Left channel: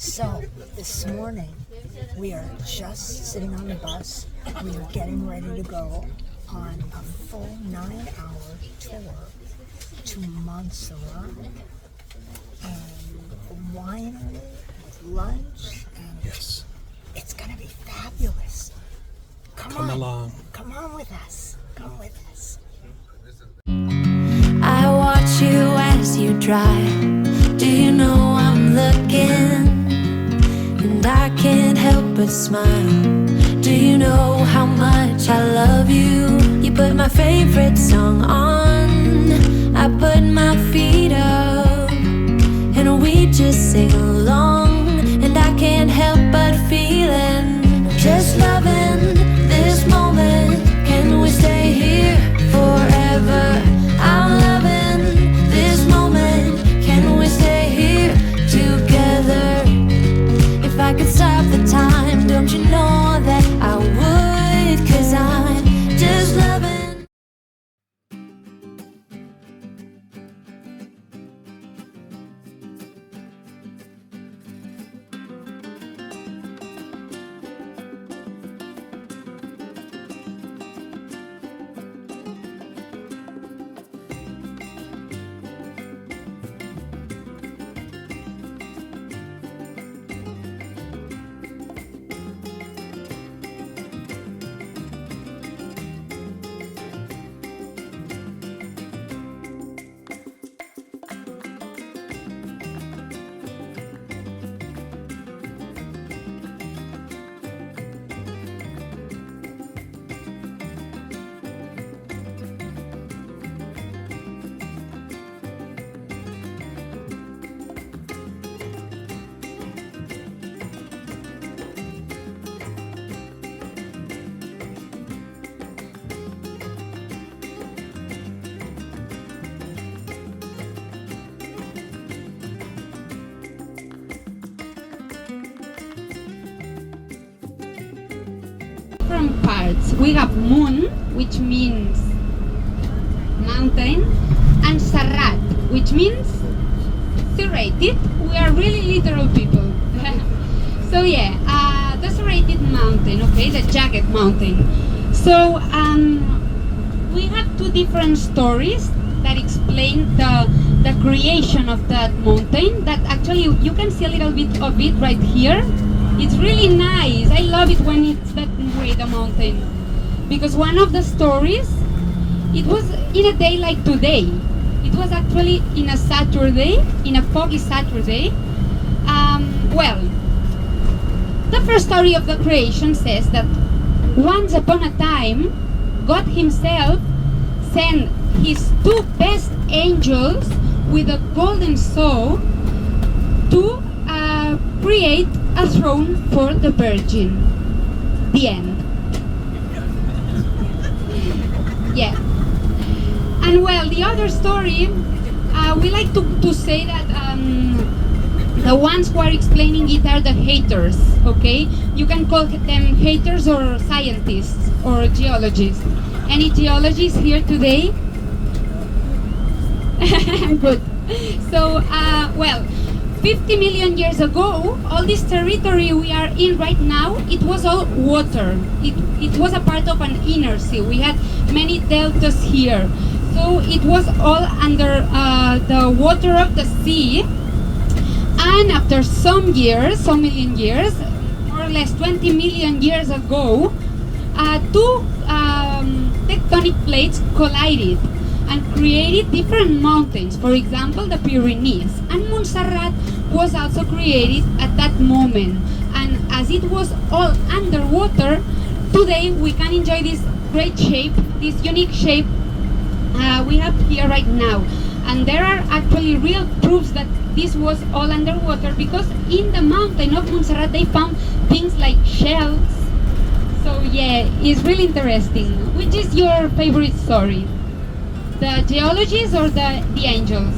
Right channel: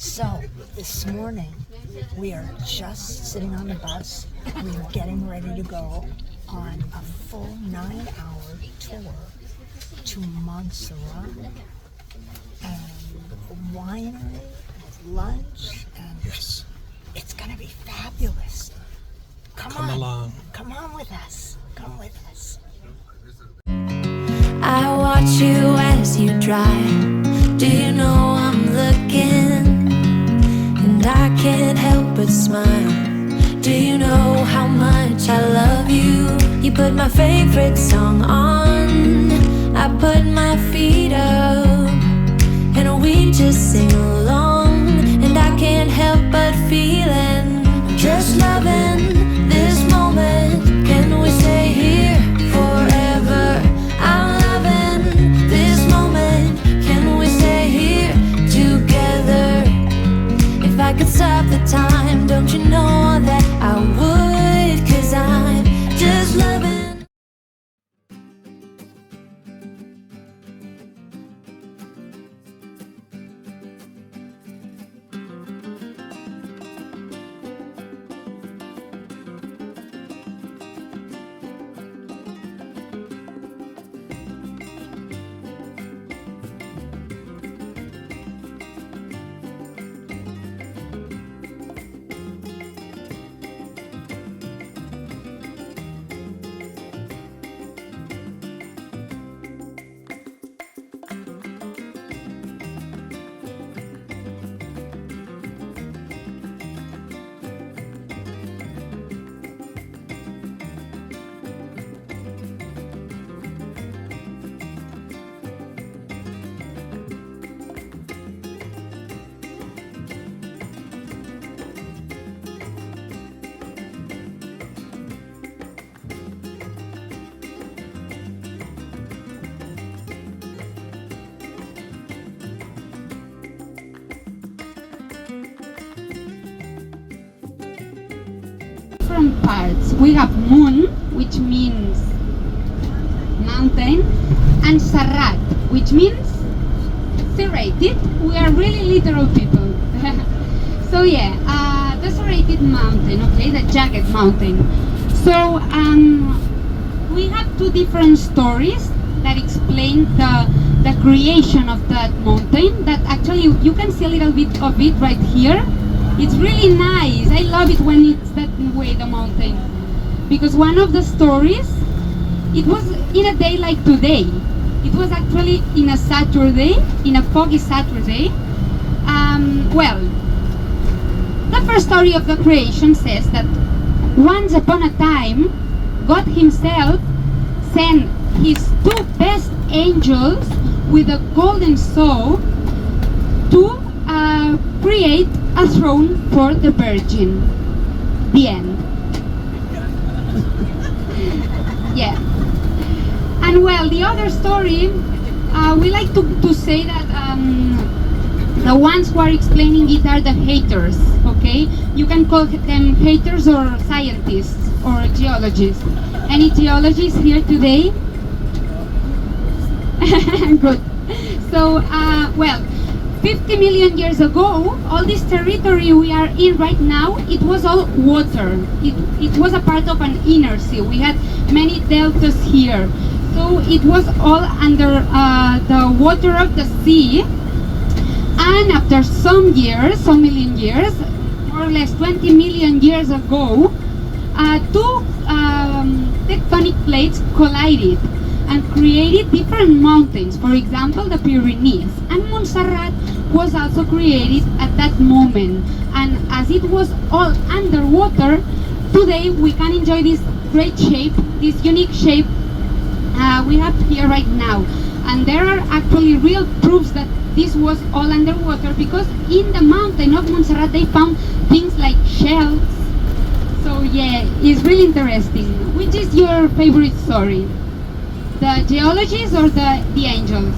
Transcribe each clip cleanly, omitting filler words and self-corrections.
So, this morning, we are just sitting on the bus. We are getting ready to go on a full 9-hour tour to Montserrat and a winery with lunch, and Yes. it's going to be fabulous. Come on along. Come on with us. Come with us. I watch you as you drive. Do you know I'm looking? And I can't help but smile. Do you know how much I love you? You put my favorite song on, I put my feet up, and we just sing along. And I can't help but feeling, just loving this moment. Can we stay here forever? I'm loving this moment. Can we stay here together? If I could stop the time, don't you know that I would? 'Cause I'm just loving. Different parts. We have moon, which means mountain, and Serrat, which means serrated. We are really literal people. So yeah, the serrated mountain, okay, the jagged mountain. So we have two different stories that explain the creation of that mountain. That actually you can see a little bit of it right here. It's really nice. I love it when it's that way, the mountain. Because one of the stories, it was in a day like today. It was actually in a Saturday, in a foggy Saturday. Well, the first story of the creation says that once upon a time, God himself sent his two best angels with a golden saw to create a throne for the Virgin. The end. Yeah. And well, the other story, we like to say that the ones who are explaining it are the haters, okay? You can call them haters or scientists or geologists. Any geologists here today? Good. So, well, 50 million years ago, all this territory we are in right now, it was all water. It was a part of an inner sea. We had many deltas here. So it was all under the water of the sea. And after some years, some million years, more or less 20 million years ago, two tectonic plates collided and created different mountains. For example, the Pyrenees. And Montserrat was also created at that moment. And as it was all underwater, today we can enjoy this great shape, this unique shape we have here right now. And there are actually real proofs that this was all underwater, because in the mountain of Montserrat they found things like shells. So yeah, it's really interesting. Which is your favorite story? The geologists or the angels?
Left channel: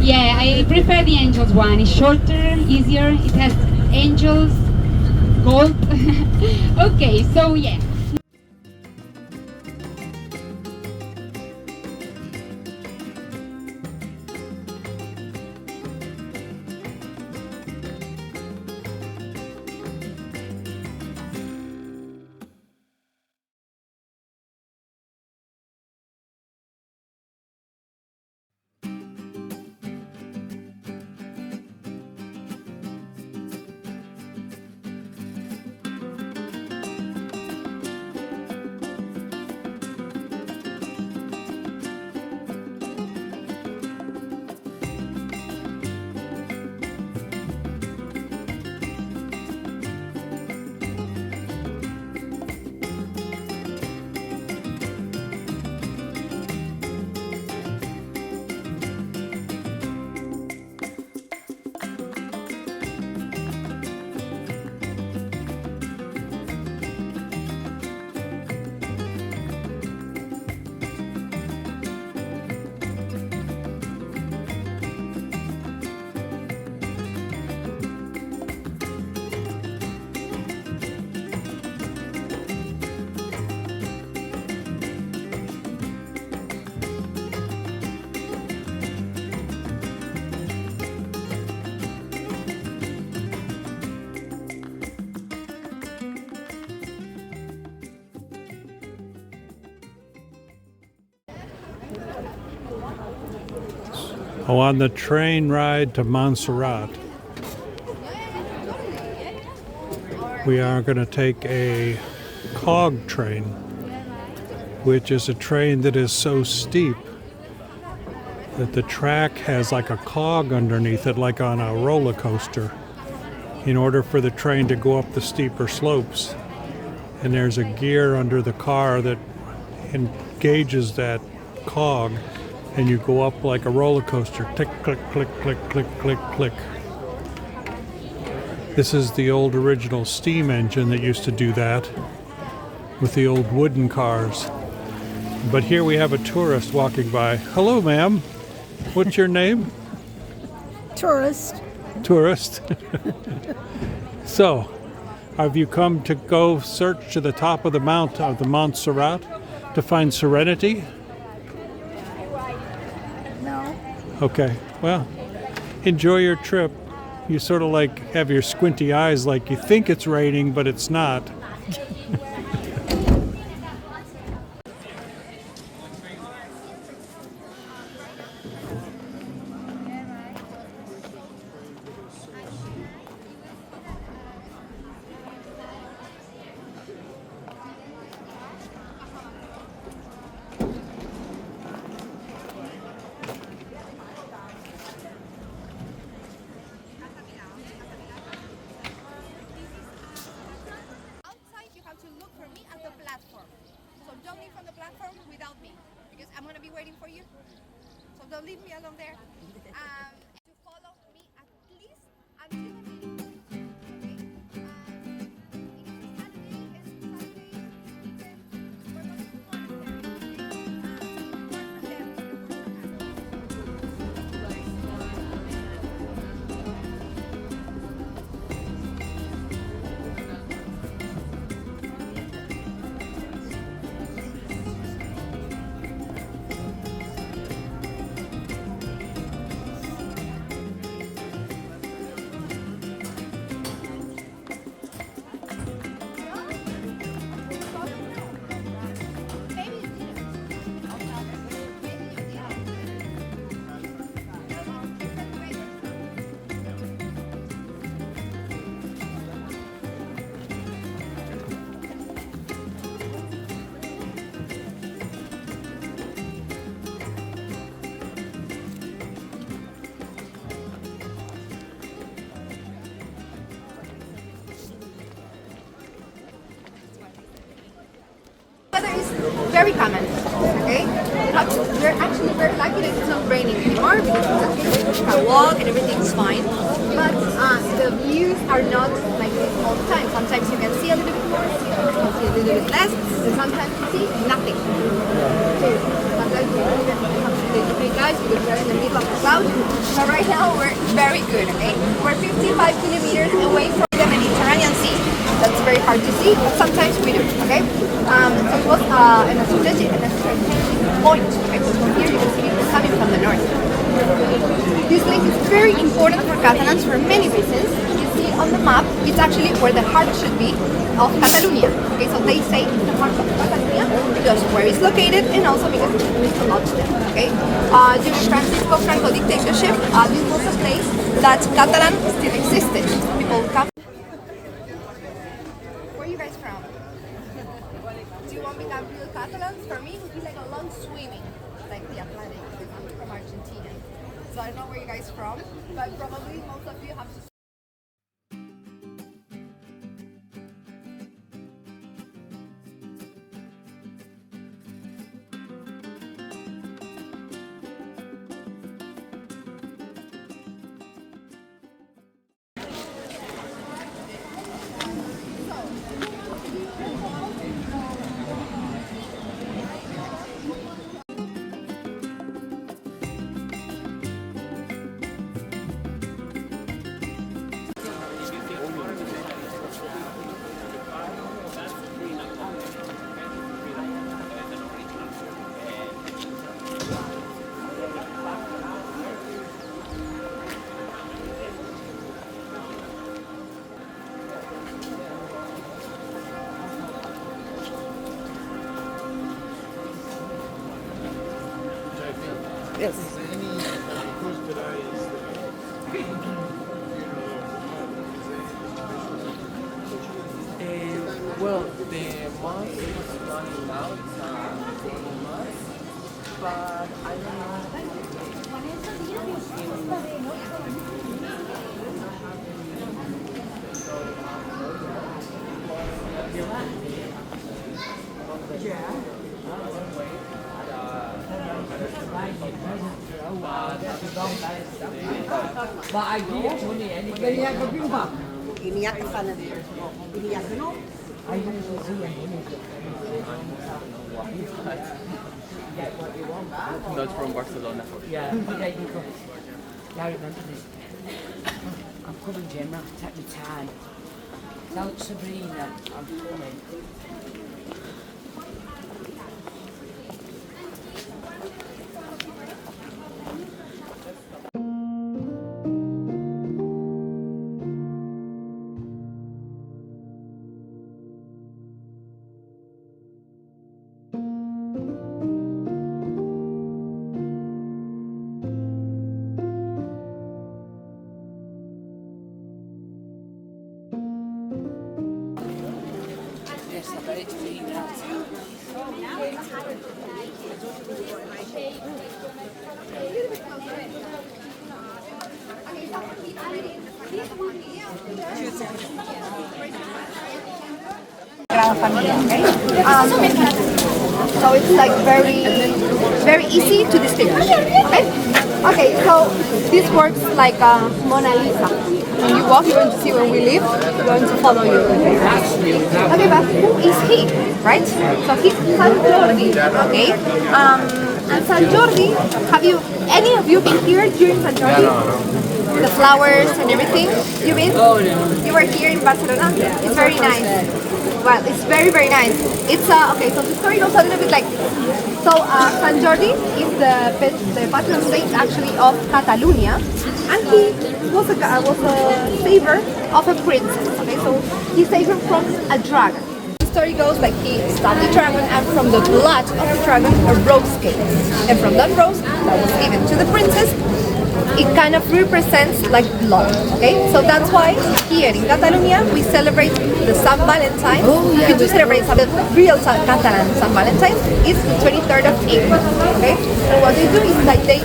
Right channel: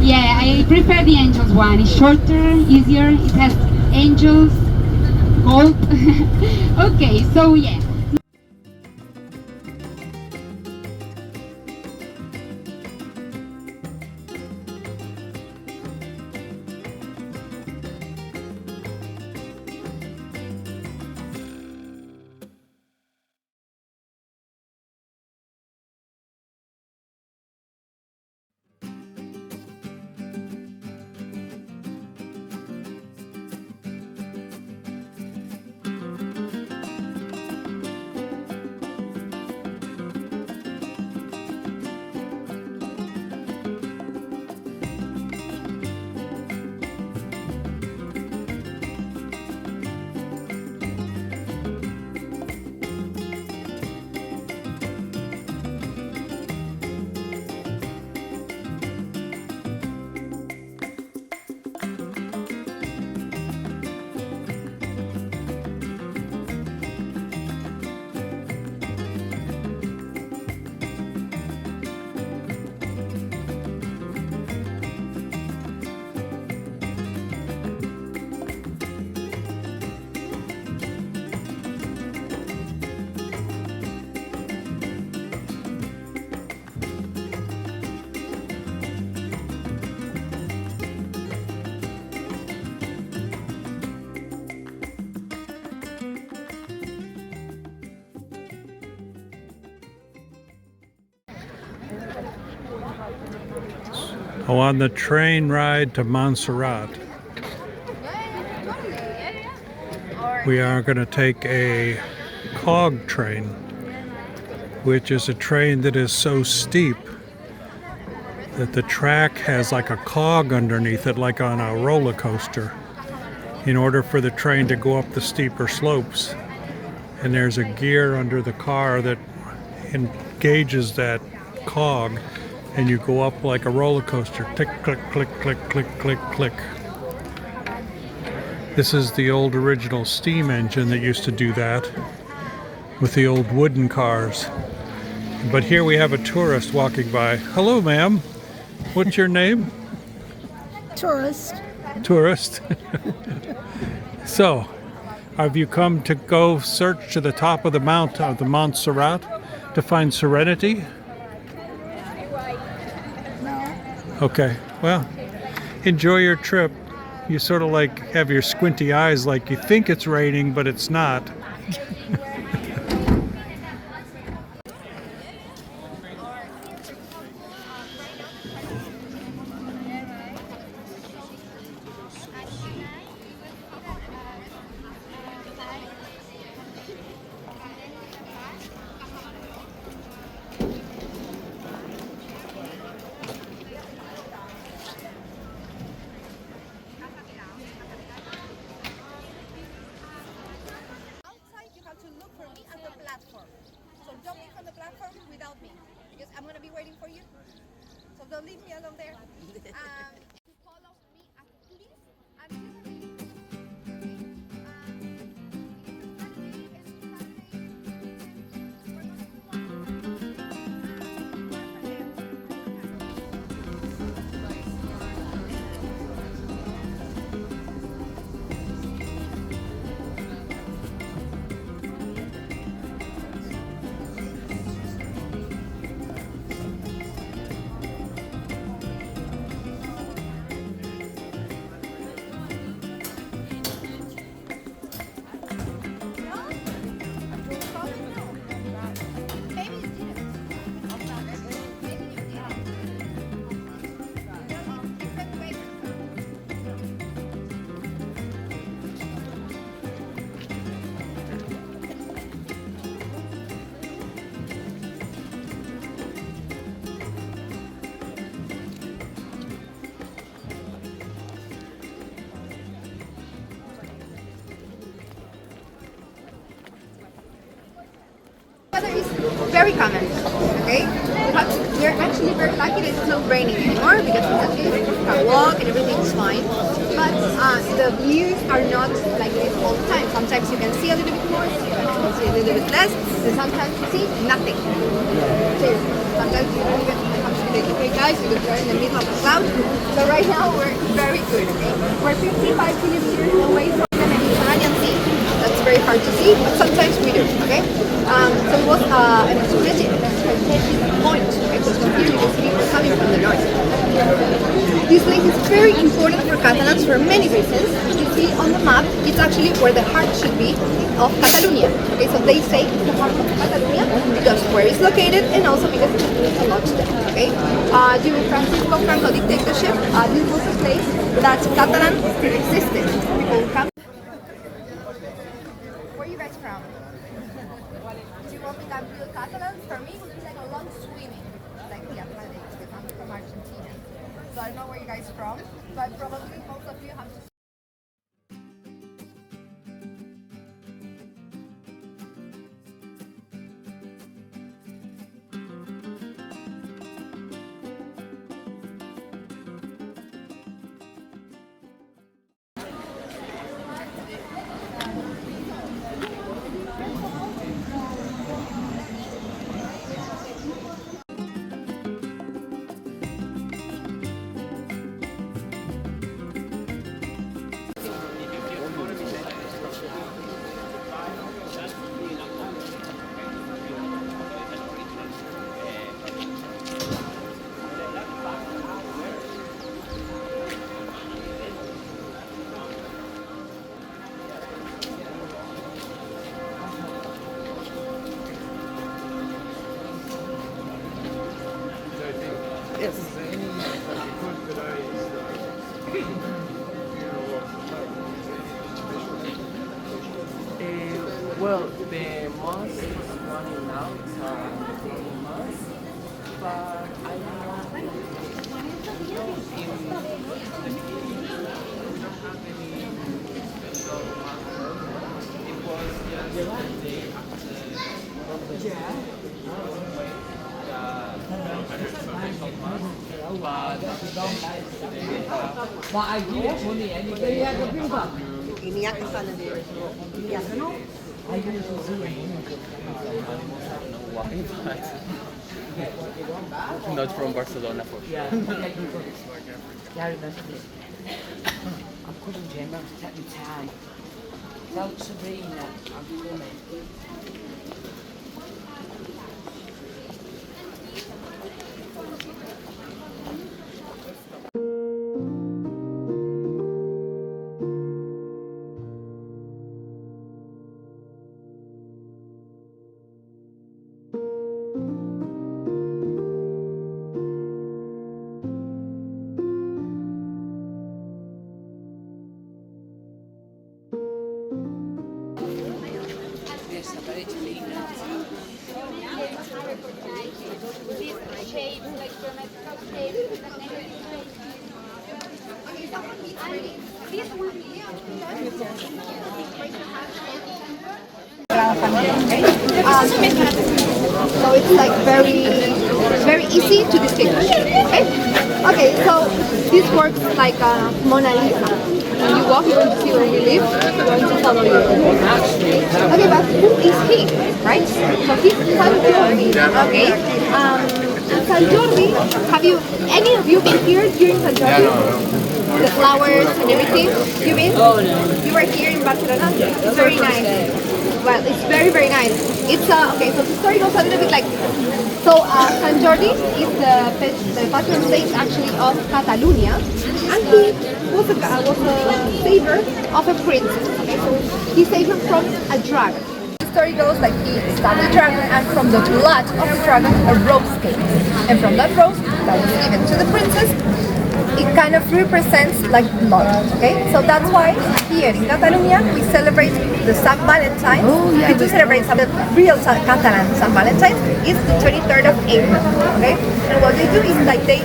Yeah, I prefer the angels one. It's shorter, easier, it has angels, gold. Okay, so yeah. Oh, on the train ride to Montserrat, we are going to take a cog train, which is a train that is so steep that the track has like a cog underneath it, like on a roller coaster, in order for the train to go up the steeper slopes. And there's a gear under the car that engages that cog, and you go up like a roller coaster. Click, click, click, click, click, click, click. This is the old original steam engine that used to do that with the old wooden cars. But here we have a tourist walking by. Hello, ma'am. What's your name? Tourist. Tourist. So, have you come to go search to the top of the mount of the Montserrat to find serenity? No. Okay, well, enjoy your trip. You sort of like have your squinty eyes like you think it's raining, but it's not. You have to look for me at the platform. So don't leave on the platform without me, because I'm going to be waiting for you. So don't leave me alone there. To follow me at least until weather is very common, okay? We're actually very lucky that it's not raining anymore, because in that case we can walk and everything's fine. But the views are not like this all the time. Sometimes you can see a little bit more, sometimes you can see a little bit less, and sometimes you see nothing. Okay. Sometimes you don't even have to be like, okay guys, because we're in the middle of the cloud. So right now we're very good, okay? We're 55 kilometers away from the Mediterranean Sea. That's very hard to see, but sometimes we do, okay? So it was an strategic point, okay? So here you can see people coming from the north. This lake is very important for Catalans for many reasons. You see on the map, it's actually where the heart should be of Catalonia. Okay, so they say the heart of Catalonia because where it's located, and also because it means a lot to them. Okay, during Francisco Franco dictatorship, this was a place that Catalan still existed. People come. Where are you guys from? Do you want me to have real Catalans? For me, it would be like a long swimming, like the Atlantic, because I'm from Argentina. So I don't know where you guys are from, but probably most of you have to. Well, the mass is running now. It's a formal mass, but I don't Not from Barcelona. Yeah, I'm calling Gemma, take me time. Don't Serena, I'm coming. So it's like very easy to distinguish. Okay, so this works like a Mona Lisa. When you walk, you're going to see when we leave, we're going to follow you. Okay, but who is he, right? So he's San Jordi, okay? And San Jordi, any of you been here during San Jordi? know. The flowers and everything. You been? You were here in Barcelona? It's very nice. Well, it's very nice. It's okay. So the story goes a little bit like this. So San Jordi is the patron saint actually of Catalonia, and he was a savior of a princess. Okay, so he saved her from a dragon. The story goes like he stabbed the dragon, and from the blood of the dragon a rose came, and from that rose that was given to the princess, it kind of represents like blood, okay? So that's why here in Catalonia we celebrate the San Valentine. We do celebrate the real Catalan San Valentine is the 23rd of April, okay? And what they do is like they,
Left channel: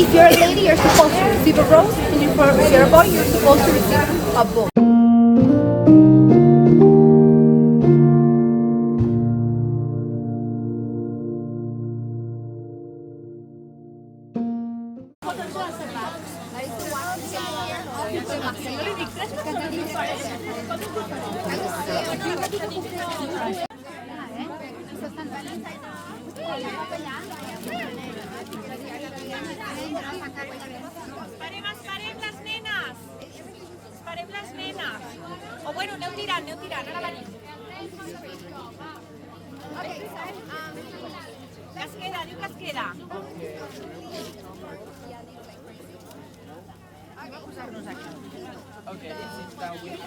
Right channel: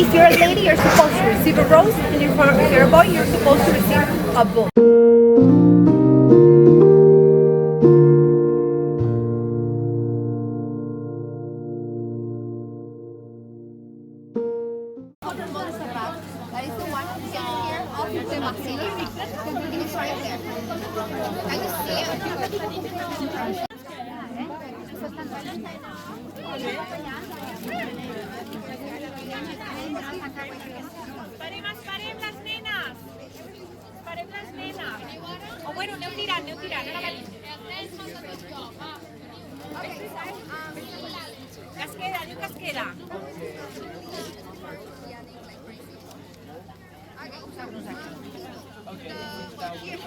if you're a lady, you're supposed to receive a rose, and if you're a boy, you're supposed to receive a bow. Parem les nenes. O bueno, aneu tirant, a la valija. Que es queda, diu que es queda. Okay, sit down with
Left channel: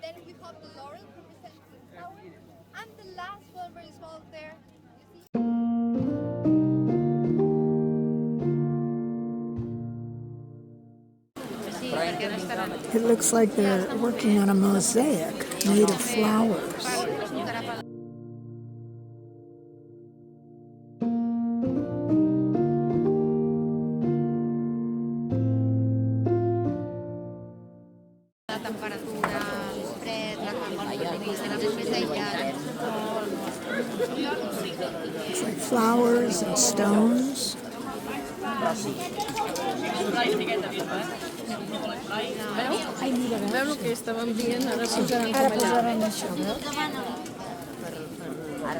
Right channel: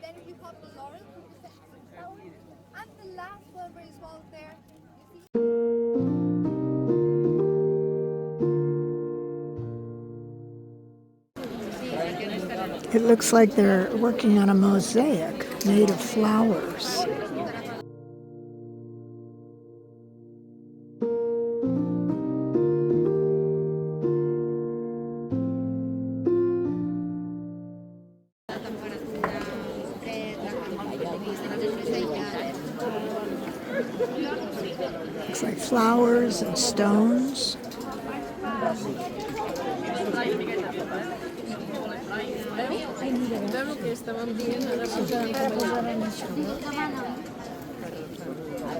Then you have the laurel representing the flower, and the last one very small there. It looks like they're working on a mosaic made of flowers. Looks like flowers and stones.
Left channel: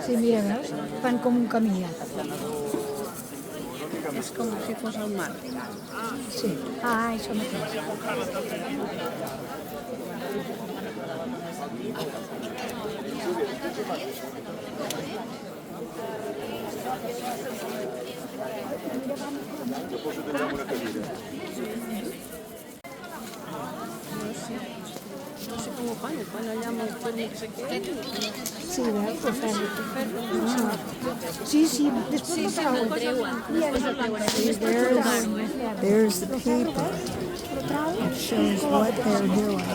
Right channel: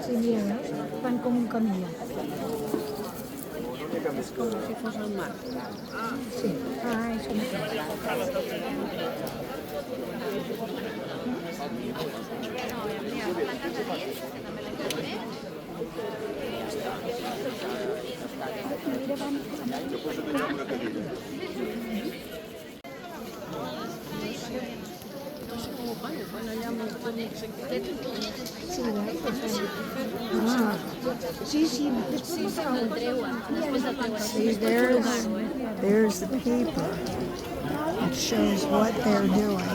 Sí, mira, veus? Fan com un caminat. És com si fos el mar. Sí. Ah, això mateix. Sí, ah. Sí, sí, después See, there's the paper. It shows what they're doing.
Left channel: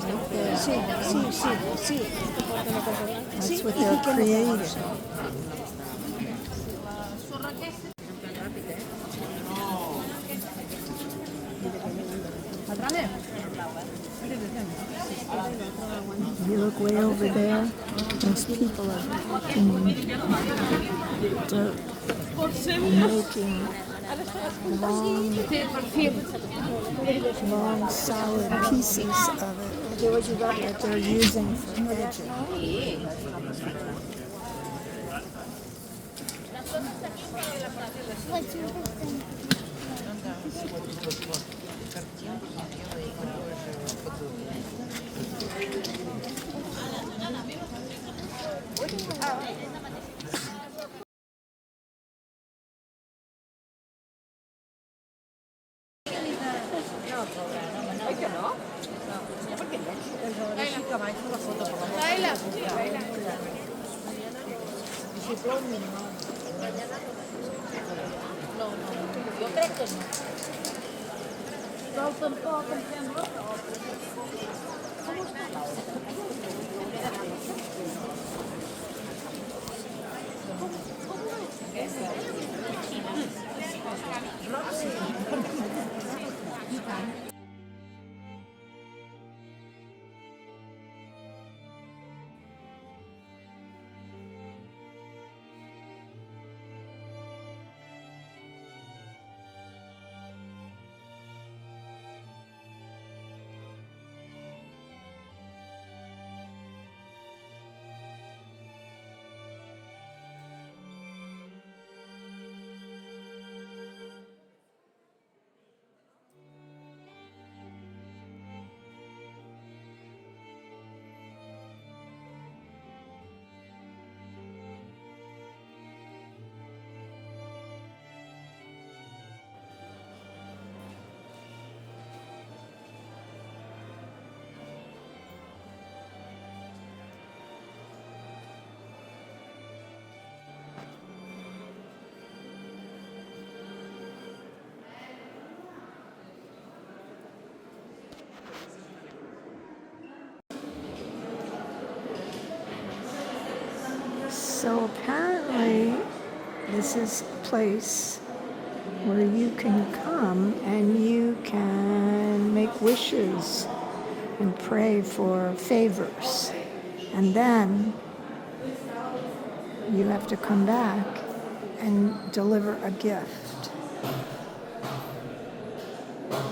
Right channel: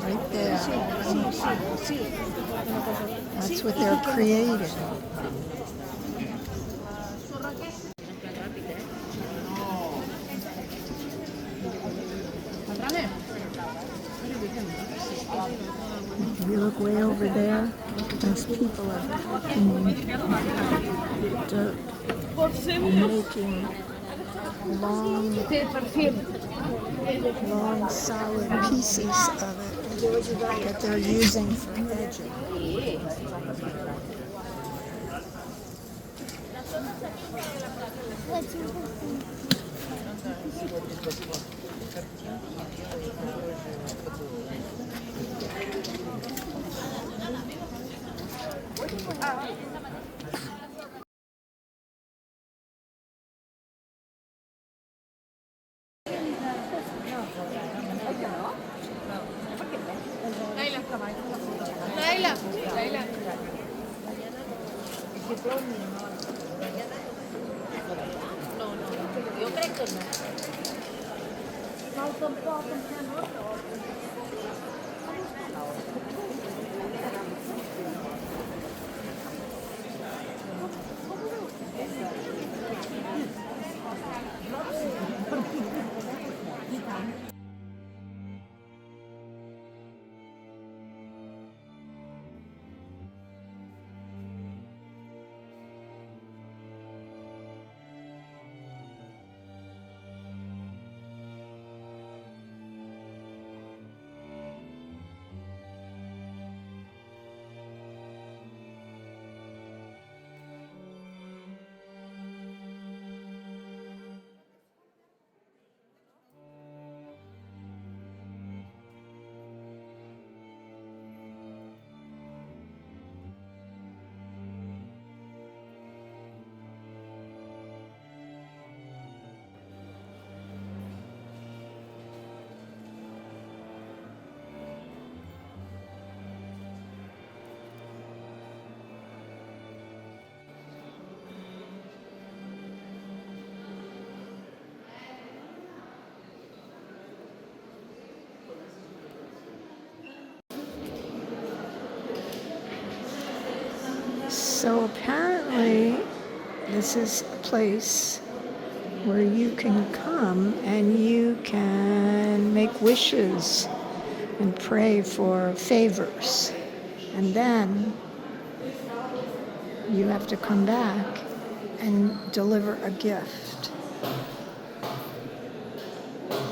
Right there. That's what they're creating. You look way over there, those people are packing dirt and making long solid pieces of it that they're using for edging. So apparently this is a place where you can come and you can make wishes and pray for favors. And then you have to come back and deliver a gift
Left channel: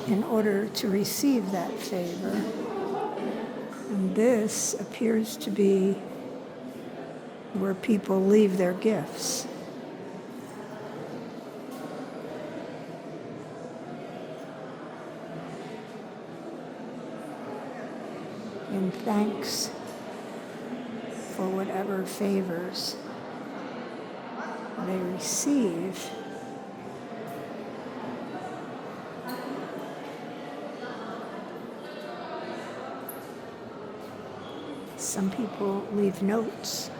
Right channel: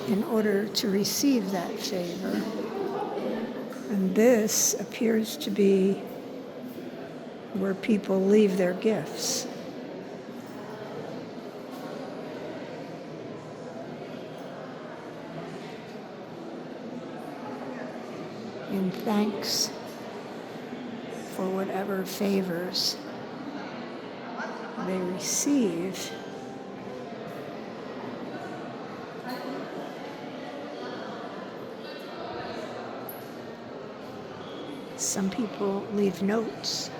in order to receive that favor. And this appears to be where people leave their gifts. In thanks for whatever favors they receive. Some people leave notes.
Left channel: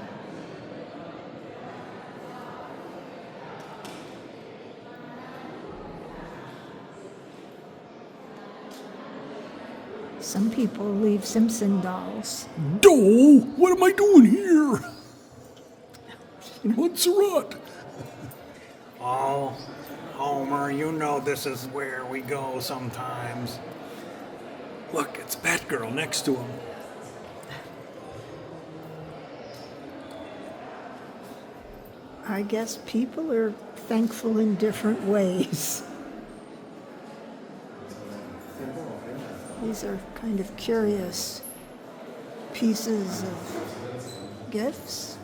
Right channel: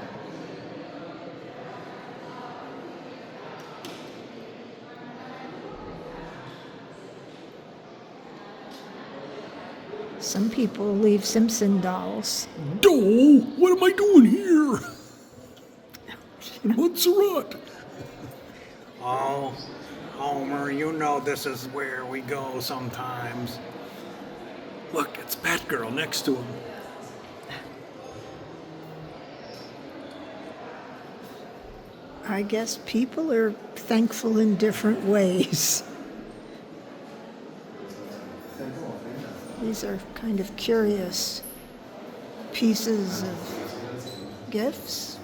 Some people leave Simpson dolls. Oh, what am I doing here? In Montserrat. Oh, Homer, you know this is where we go sometimes. Look, it's Batgirl next to him. I guess people are thankful in different ways. These are kind of curious pieces of gifts.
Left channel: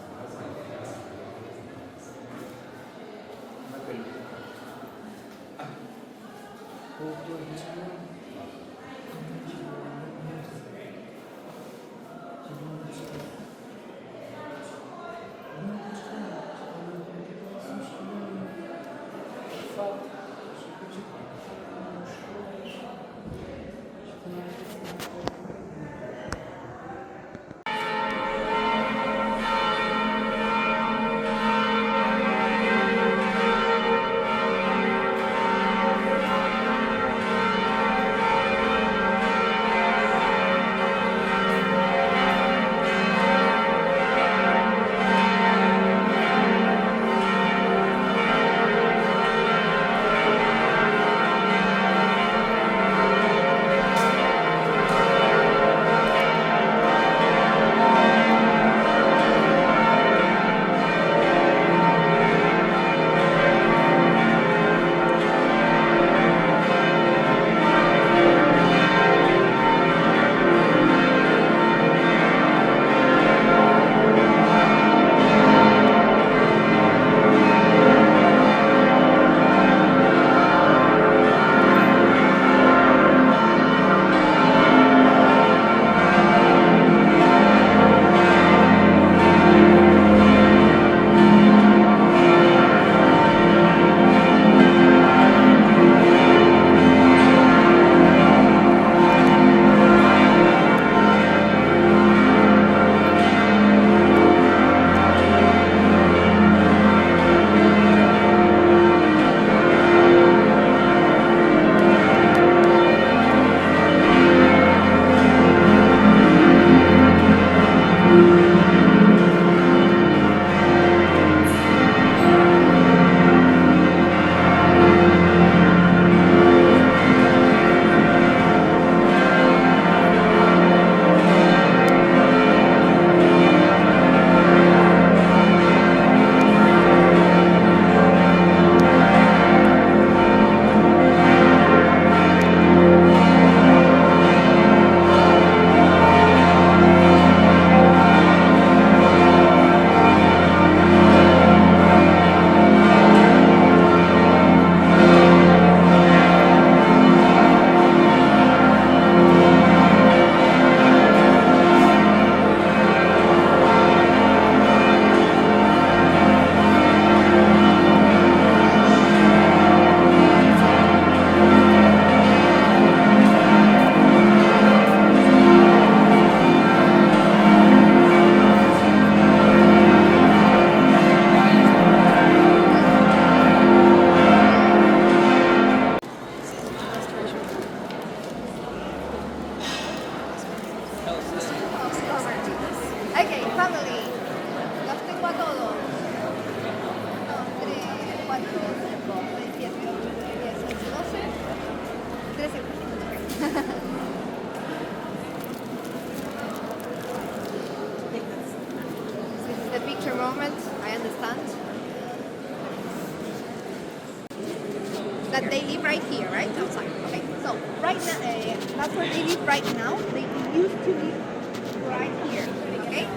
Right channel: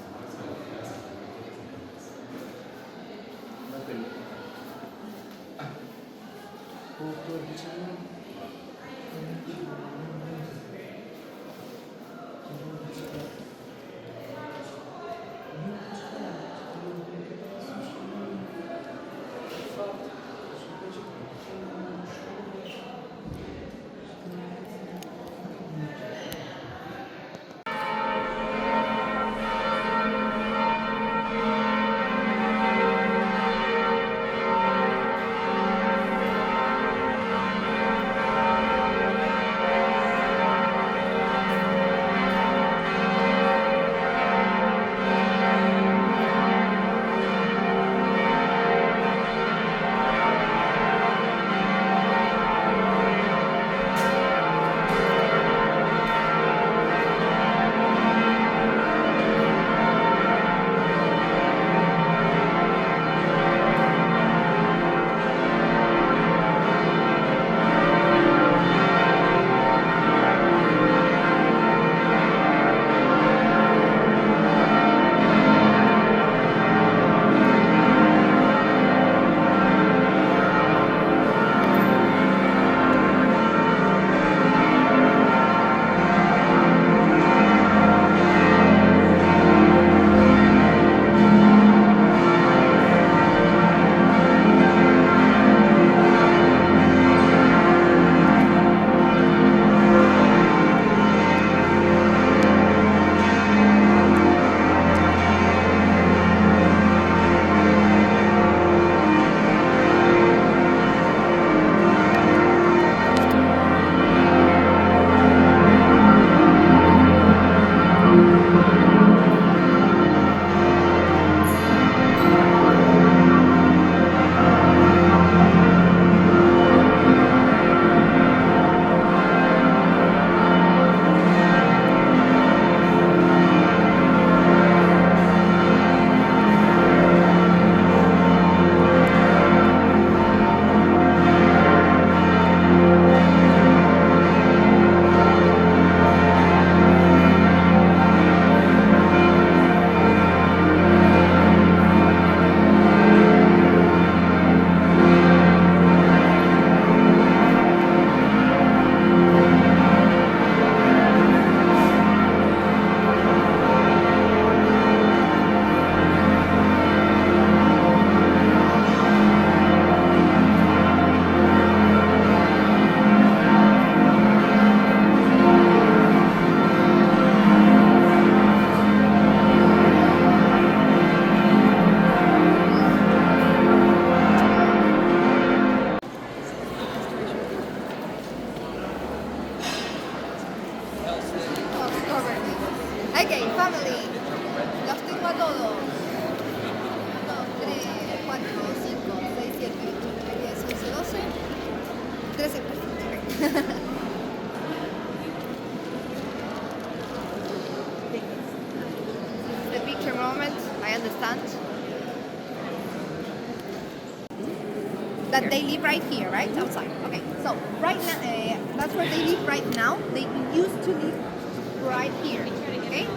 family. Los tengo a todos. 3, 4, 5, 6, 7, 8, 9, 10, 11, 12. 13. This is the picture moment, I understand. That they live right here, right? Outside. Okay, so right now, that's where they live right now. They used to live right here, okay?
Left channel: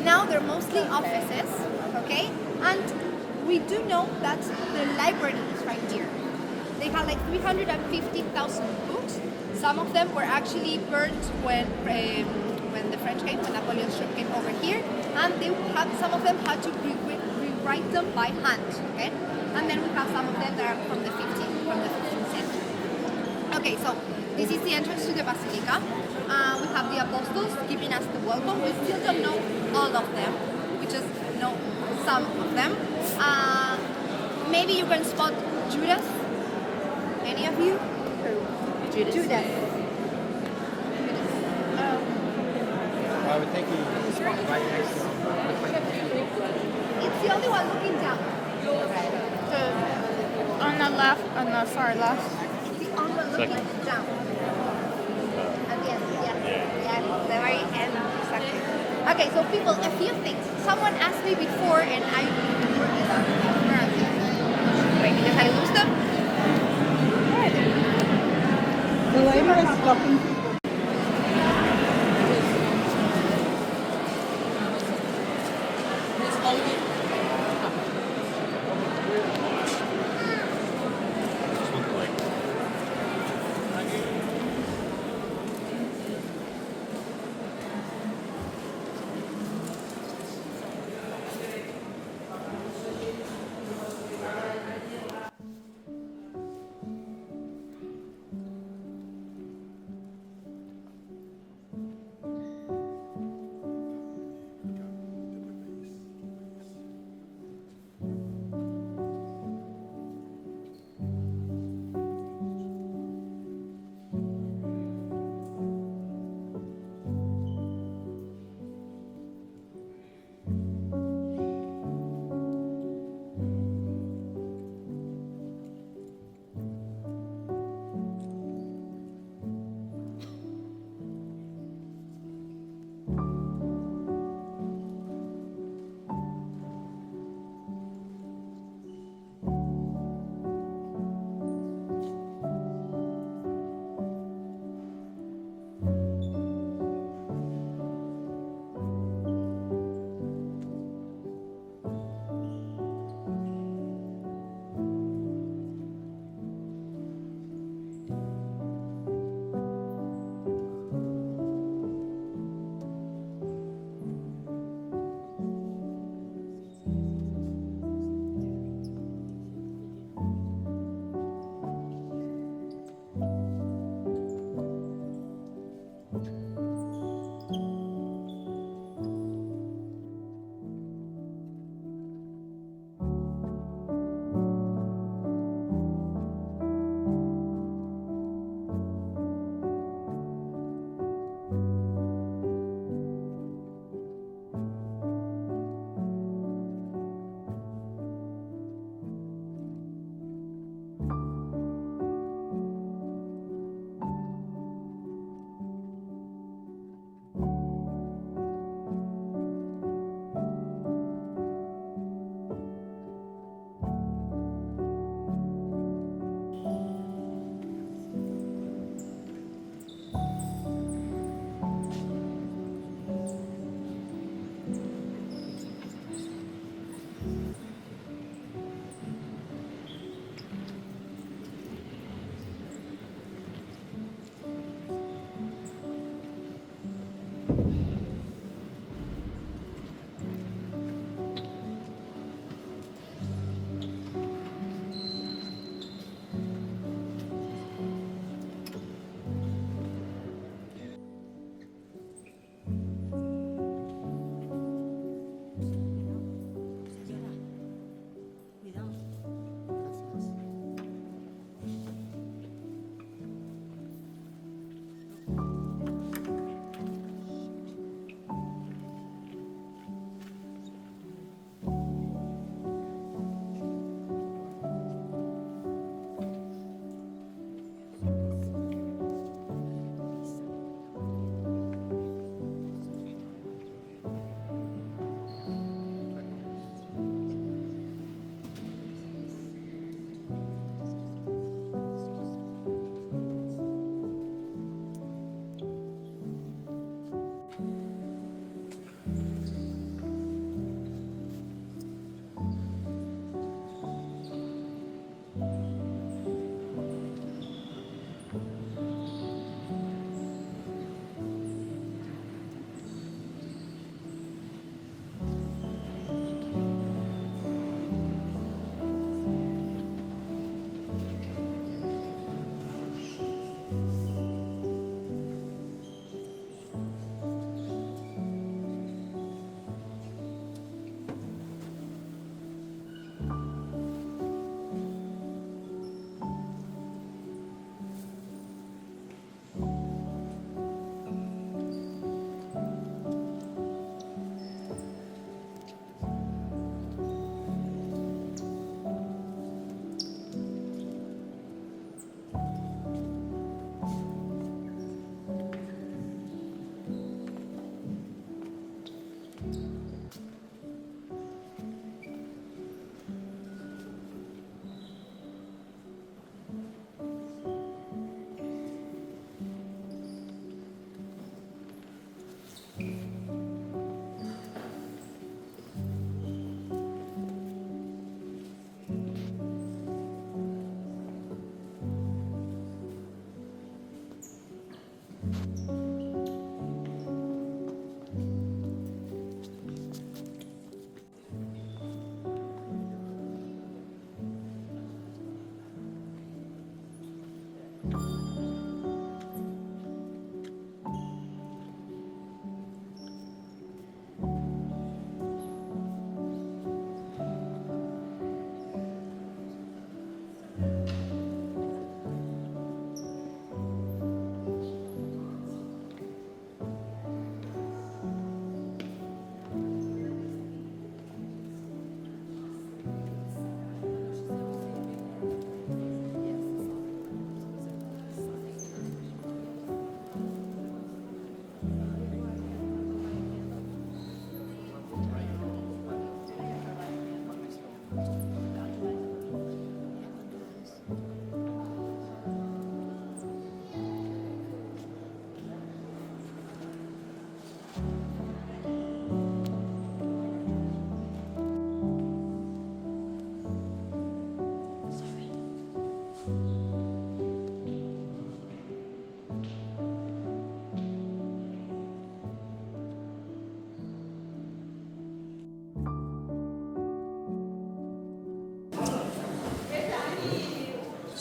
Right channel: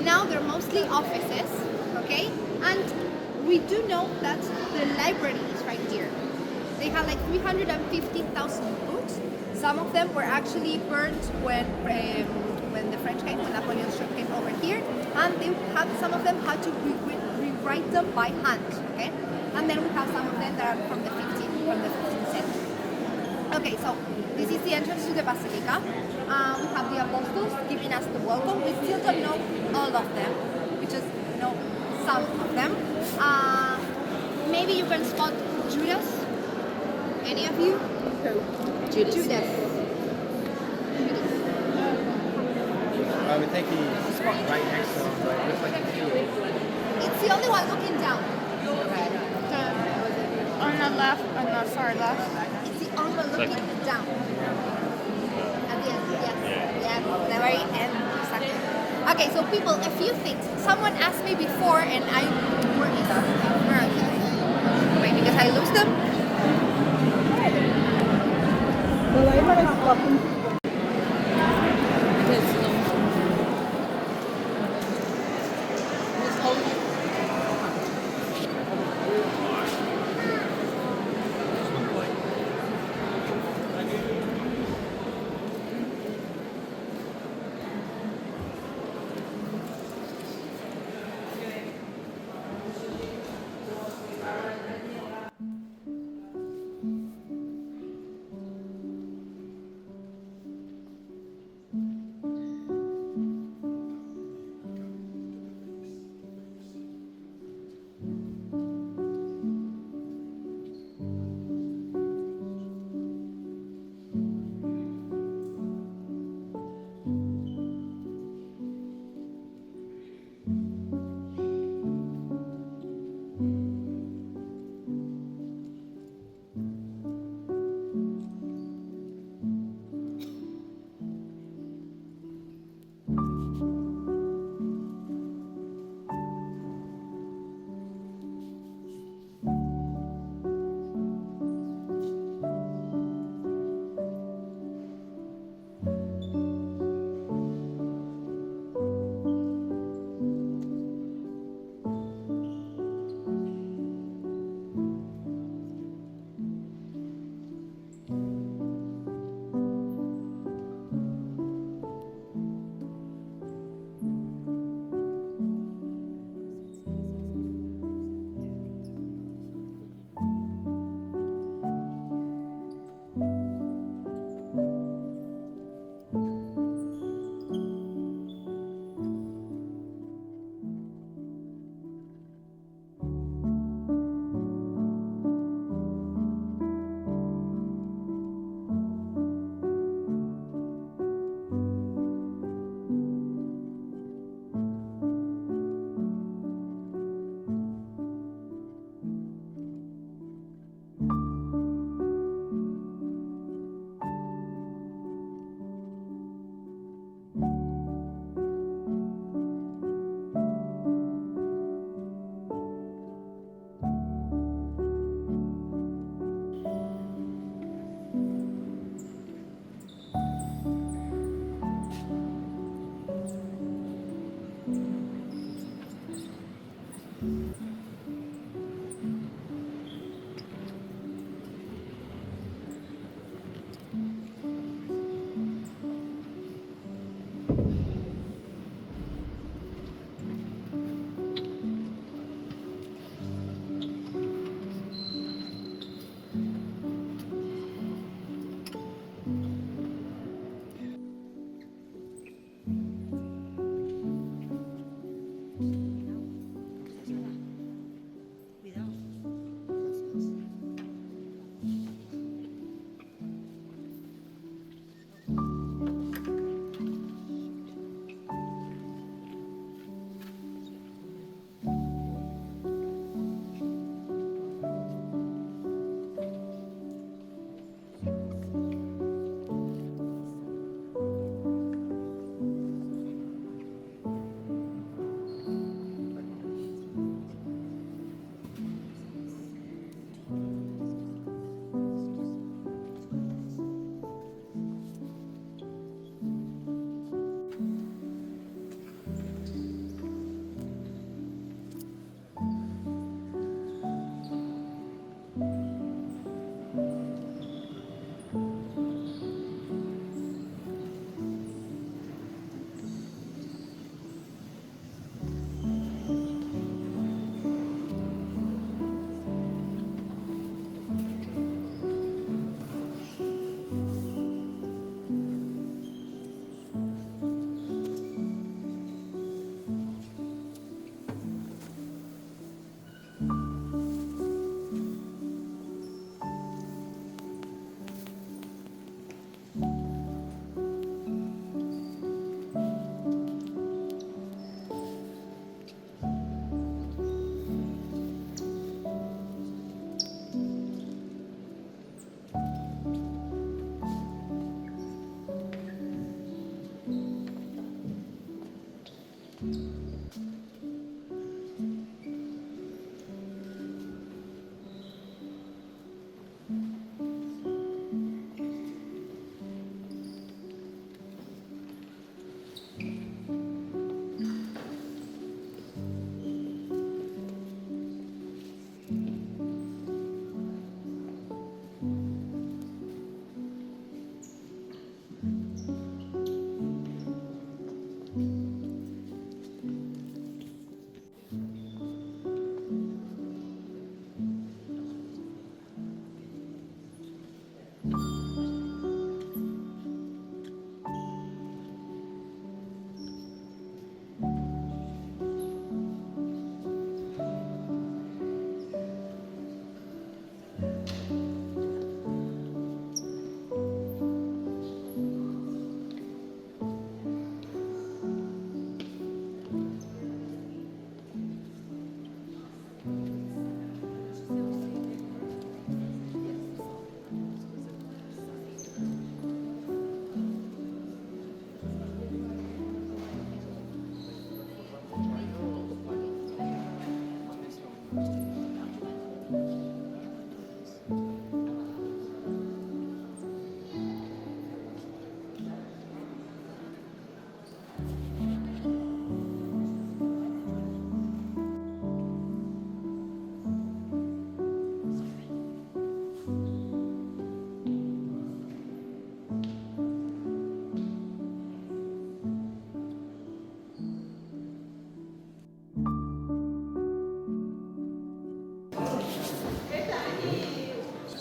Now they're mostly offices, okay? And we do know that the library is right here. They have like 350,000 books. Some of them were actually burned when the French came, when Napoleon's troops came over here, and some of them had to rewrite them by hand, okay? And then we have some of them that are from the 15th century. Okay, so this is the entrance to the Basilica. We have the apostles giving us the welcome. We still don't know all of them. We just know some of them. Maybe you can spot Judas. Any of you? Judas. I would think he's right next to him. It's the only one looking down. On the left, on the far left. It's the only one looking down. At the end, yeah, the very end, exactly. Okay, so people, a few things. Someone asked me before, and I wait, because I lose them.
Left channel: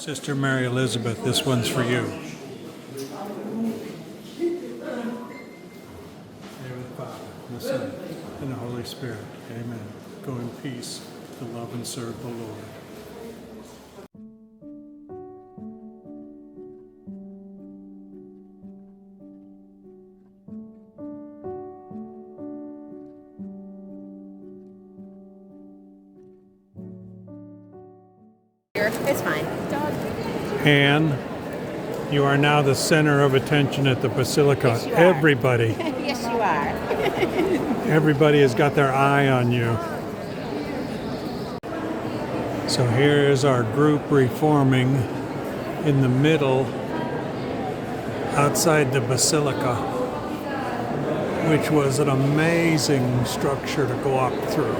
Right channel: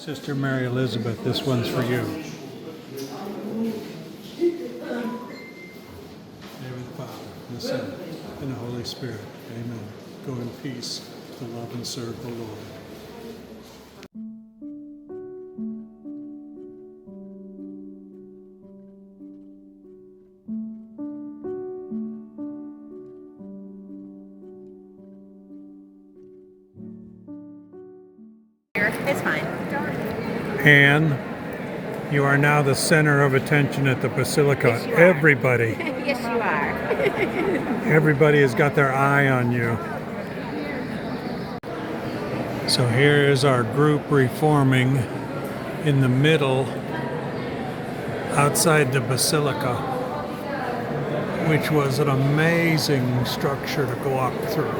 Sister Mary Elizabeth, this one's for you. Name of the Father, and the Son, and the Holy Spirit. Amen. Go in peace to love and serve the Lord. It's fine. Anne, you are now the center of attention at the Basilica. Yes, you are. Everybody, Yes, you are. everybody has got their eye on you. So here is our group reforming in the middle outside the Basilica, which was an amazing structure to walk through.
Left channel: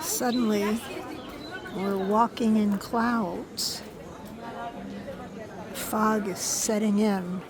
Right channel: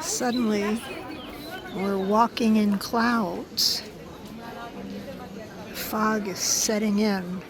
Suddenly, we're walking in clouds. Fog is setting in.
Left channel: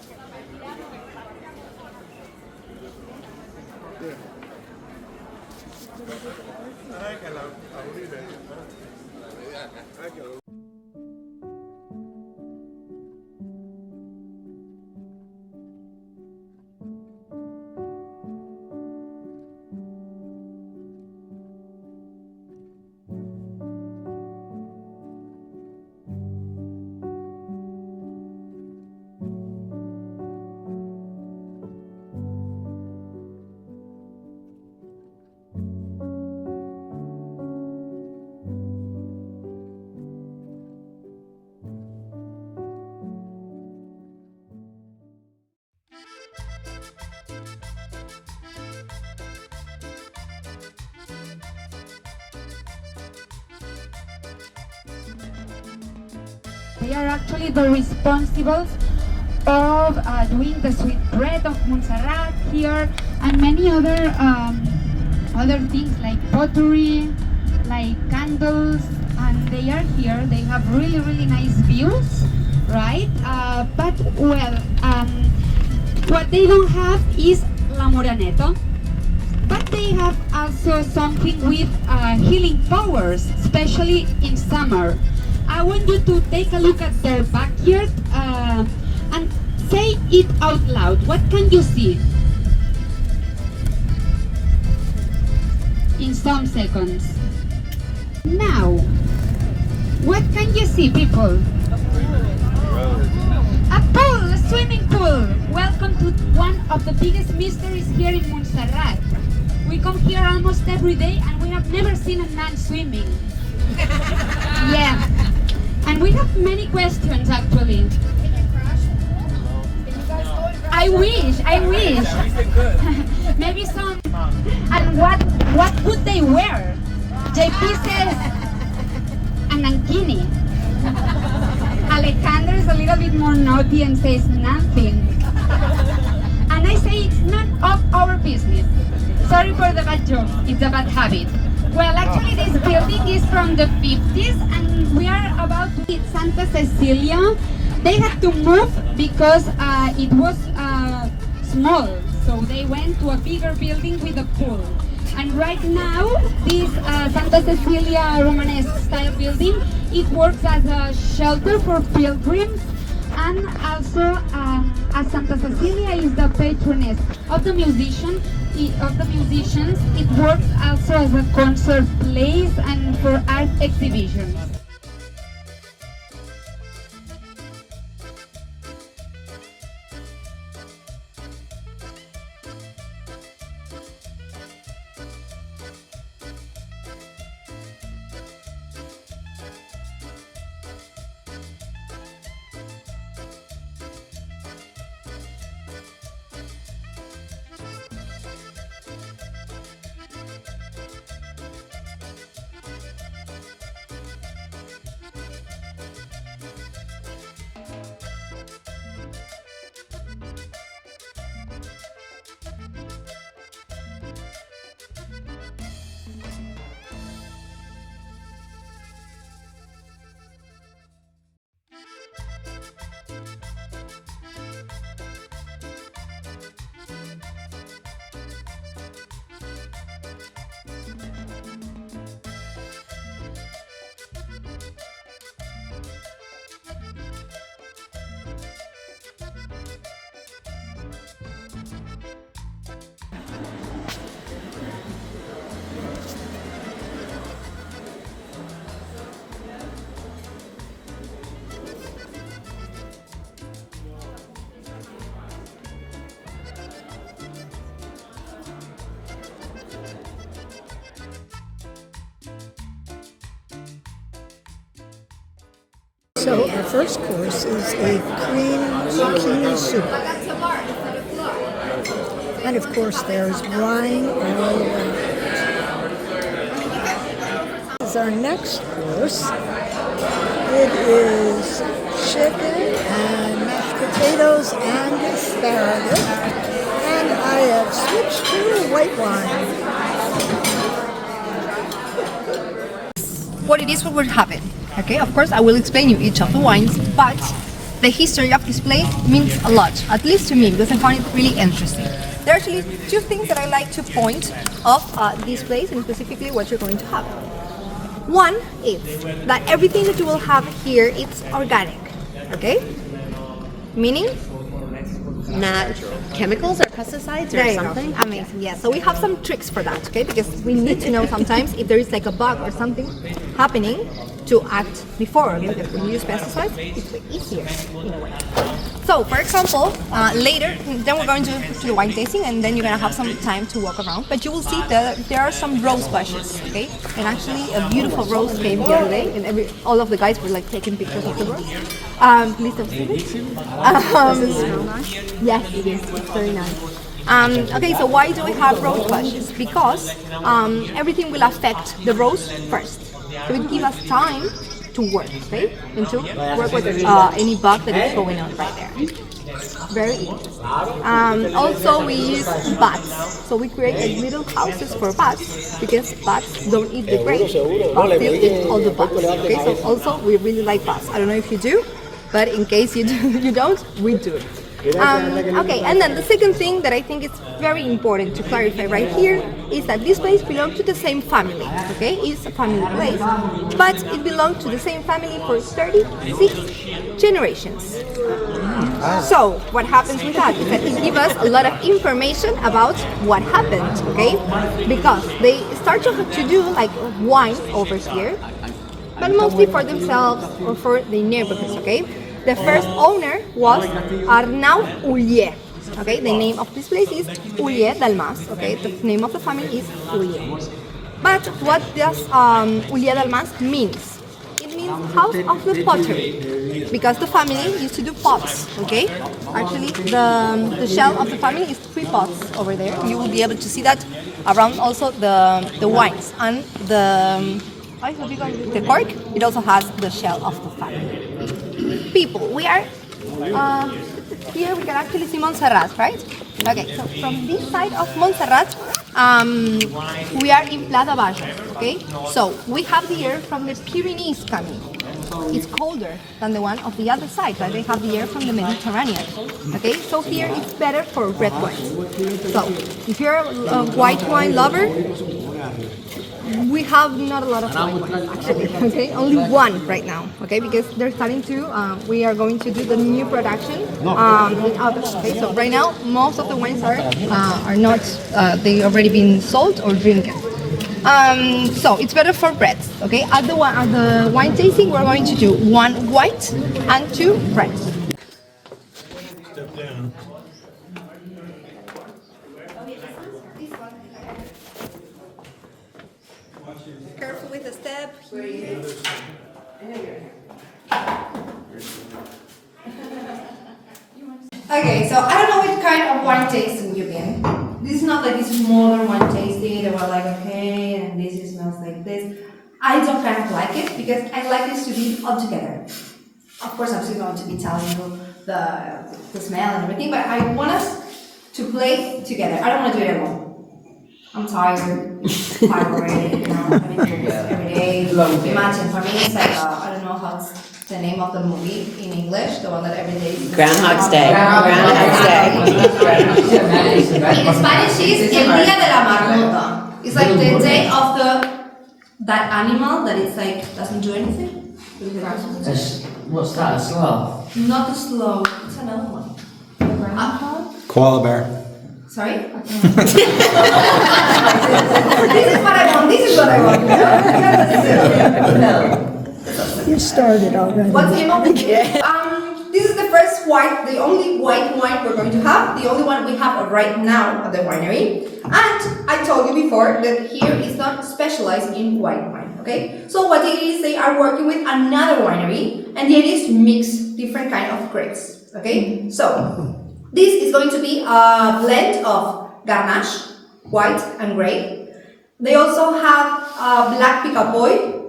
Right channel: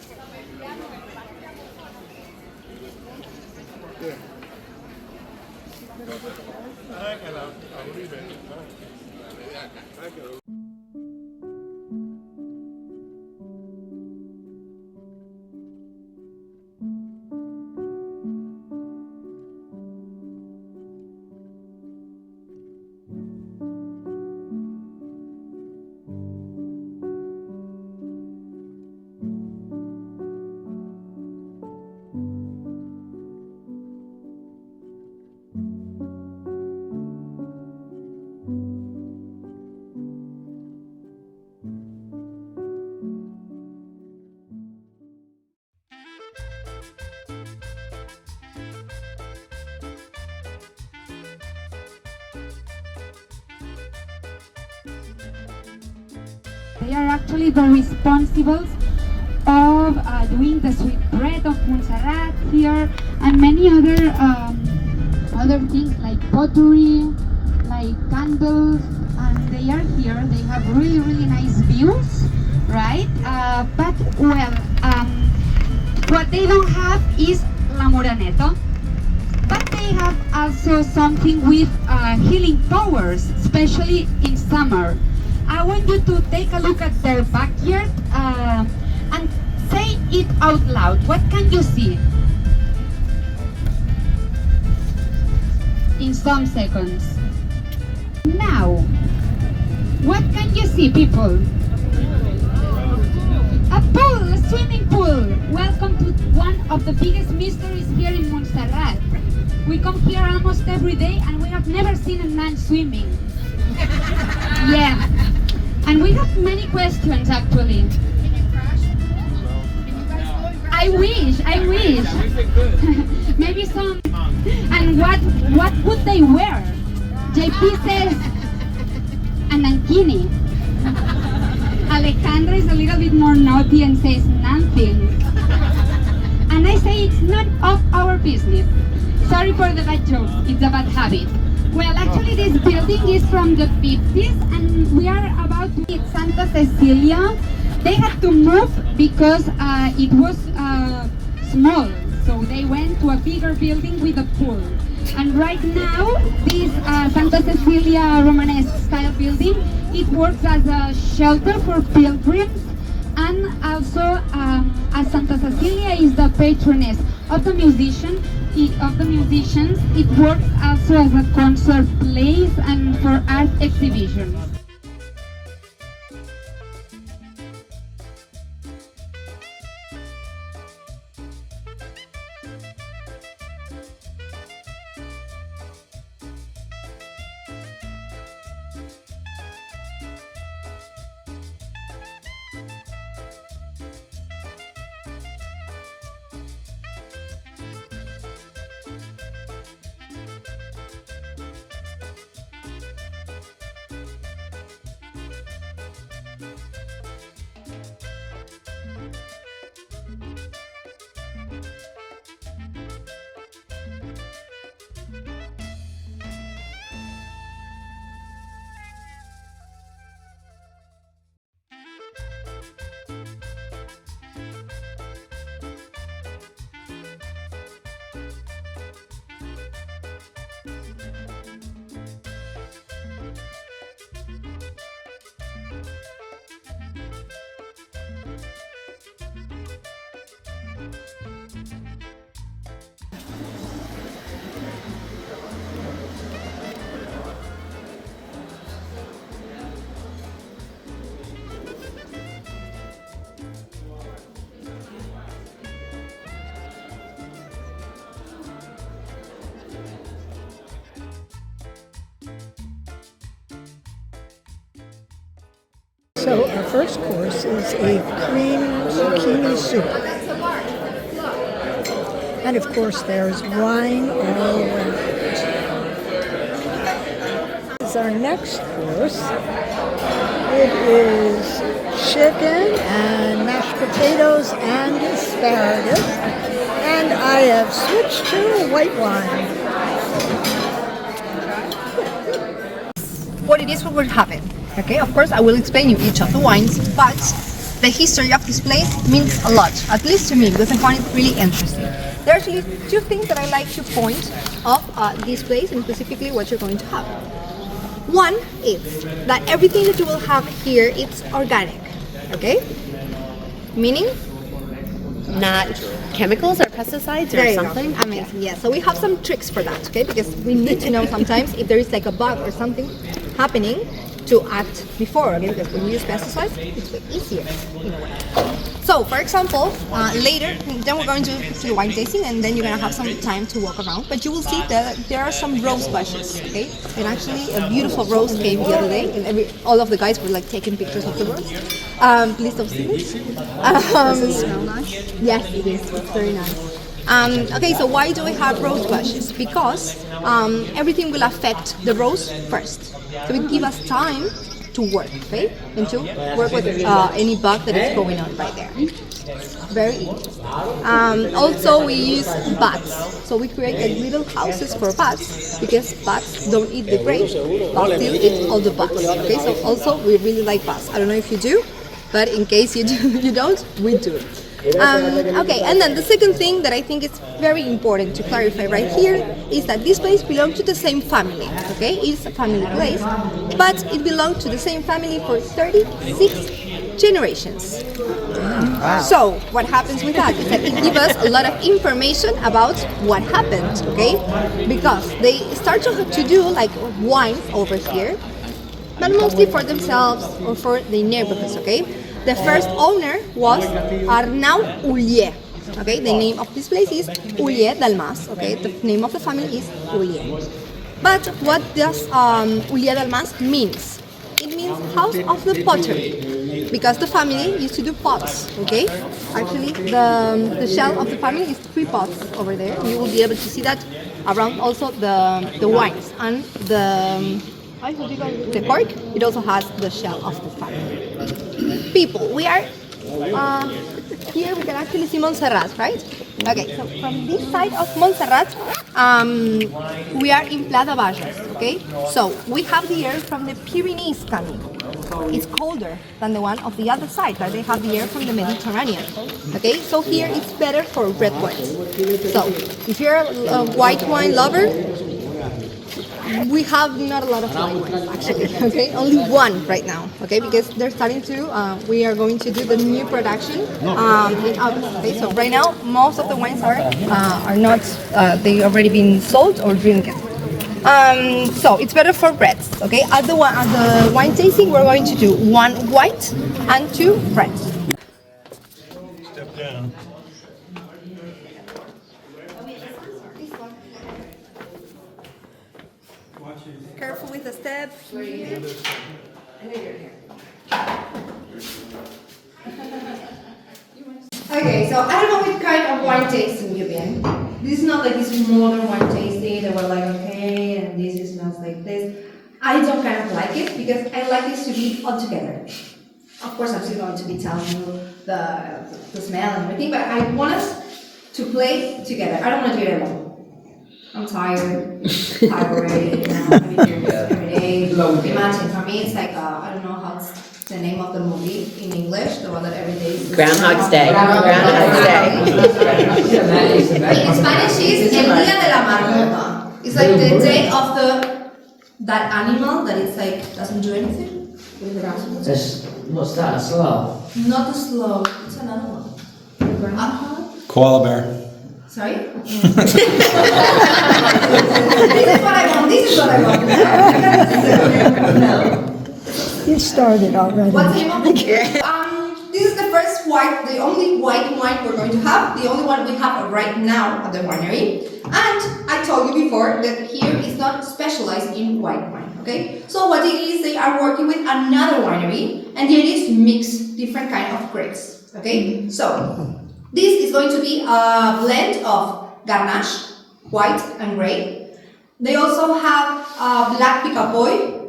They are actually the responsibles of doing the sweet bread of Montserrat here, and many other things like pottery, like candles, and they are here. They have really, really nice views, right? But well, what they don't have is la Muraneto, but they have also something with healing powers, especially in summer. I want you to take a look at their backyard and say it out loud. What can you see? In some seconds. Now, what can you see, people? A pool, a swimming pool. Welcome to one of the biggest mysteries here in Montserrat. We come here almost every day and we have never seen a man swimming. Yeah. And we have many questions actually. I wish. Maybe some. And what would they wear? JP says an ankini. Alejandro is a little bit more naughty and says nothing. And I say it's none of our business. Sorry for the bad joke, it's a bad habit. Well, actually this building is from the 50s and we are about to hit Santa Cecilia. They had to move because it was small, so they went to a bigger building with a pool. And right now, this Santa Cecilia Romanesque style building, it works as a shelter for pilgrims, and also as Santa Cecilia is the patroness of the musicians, it works also as a concert place and for art exhibitions. So our first course is a cream zucchini soup. And of course there's wine all around. This is our next course. It is chicken and mashed potatoes and asparagus. And I have switched to white wine. What it is, what will happen. Okay, of course I will explain you each of the wines, but the history of this place means a lot, at least to me, because I find it really interesting. There are actually two things that I like to point of this place, and specifically what you're going to have. One is that everything that you will have here is organic, okay? Meaning? Not chemicals or pesticides or there you something? go. Amazing, yeah. So we have some tricks for that, okay? Because we need to know sometimes if there is like a bug or something happening to act before, okay? Because when you use pesticides, it's way easier in a way. So, for example, later, then we're going to do wine tasting, and then you're going to have some time to walk around. But you will see that there are some rose bushes, okay? And actually, a beautiful rose came the other day, and all of the guys were like taking pictures of the rose. Please don't see it. Yes, it is. It's very nice. Okay, so why do we have rose bushes? Because everything will affect the rose first. So it gives us time to work, okay? And to work with any bug that is going on right there. Very interesting. Also, we use bats. So we create like little houses for bats, because bats don't eat the grapes, but still eat all the bugs. Okay, so also we really like bats. I don't know if you do, but in case you do, you don't, we do. Okay, and then the second thing that I think is very important to clarify right here is that this place belongs to the same family, okay? It's a family place, but it belongs to the same family for 36 generations. So, what happens with that is that it gives us a lot of information about what happened, okay? Because they start to do like wine over here, but mostly for themselves or for the neighborhoods, okay? The first owner was Arnau Ullier. Okay, the name of this place is Ullier Dalmas. Okay, the name of the family is Ullier. But what does Ullier Dalmas means? It means house of the pottery, because the family used to do pots. Okay, actually the shell of the family is 3 pots over there. You will be able to see that around also the wines and the cork. It also has the shell of the family. People, we are here. We can actually see Montserrat, right? Okay, so from this side of Montserrat, we are in Plata Bages. Okay, so we have the air from the Pyrenees coming. it's colder than the one of the other side, but they have the air from the Mediterranean. Okay, so here it's better for red wines. So if you're a white wine lover, we have not a lot of white wines actually, okay? Only one right now, okay? Because they're starting to, we are going to do the new production in August, okay? So right now, most of the wines are not, they already been sold or drinking. So it's better for reds, okay? At the wine tasting, we're going to do 1 white and 2 reds. Step down. Careful with the step. Okay, so I don't know what kind of wine tasting you've been. This is not like this modern wine tasting that we're like, okay, and this smells like this. I don't kind of like it because I like this to be all together. Of course, I'm still going to be telling you the smell and everything, but I want us to play together. I don't want to do it alone. I'm tired already, you know, I've been doing this every day. Imagine, for me, it's like, I don't know how's the name of the movie in English, the one that every day is... Groundhog's Day. Groundhog's Day. In Spanish, it's El Día de la Marmota. It's like the day of that animal that is like, doesn't do anything. What's that, slow? Not the slow, it's another one. The groundhog? Koala bear. Sorry? This is what I want. This is what I want. You started already. What's the name of it? This is the first white, the only white wine we're going to have. The only one we have right now at the winery. And I told you before that here is not specialized in white wine. Okay? So what it is, they are working with another winery, and the idea is to mix different kind of grapes. Okay? So this is going to be a blend of Garnache, white and gray. They also have black Picapoy.